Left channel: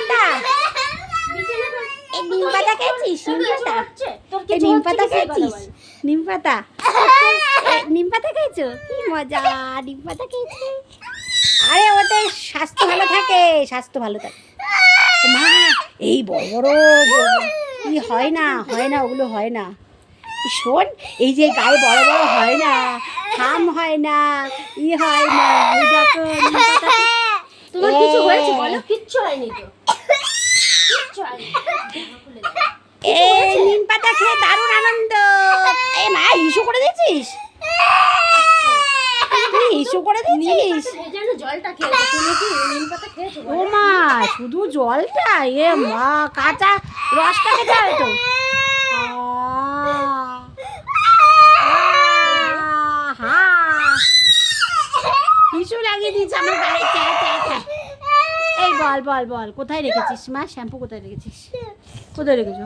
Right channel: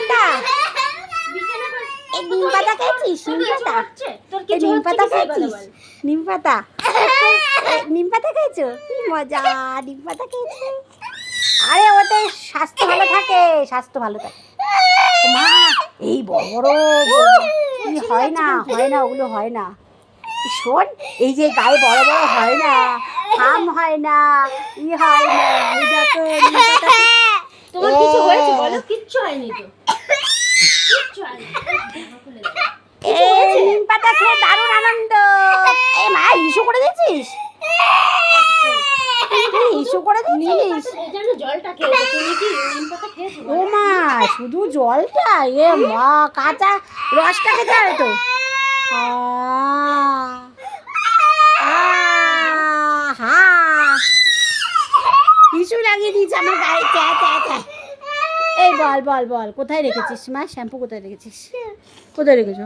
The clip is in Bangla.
শান্তা এই নিম পাতা খেয়েছিস? নিম পাতা? তোর নিম পাতা কি সেই কথা খেয়েছিস? নিম পাতা? নিম পাতা খেয়েছো? কি মজা নিম পাতা খেয়েছো। আরে ওতে স্বাস্থ্য ভালো থাকে স্বাস্থ্য ভালো থাকে। মা এই বড় হয় না হয় না ওগুলো হয় না। শোন এই যে গায়ে বড় বড় হয় না খাম হয় না ই হয় না এই দেখো তোমার কিছু হয়েছে? বলো কিচ্ছু হয়নি তো। এই নিম পাতা খেয়ে দারুণ আনন্দ এই মা ইস্যু করে দিয়েছিস ইস্যু করে দিয়েছিস ও মা শুধু জলটা এ মা কাঁচা রসটা খেতে হয় তো আহ, লাগিয়ে দিয়েছে আমার গায়ে চা চা চা এই বল বল বল। কোথায় রেখেছিস মা? শ্যাম্পু কোথায় রেখেছিস? কোথায় রেখেছো?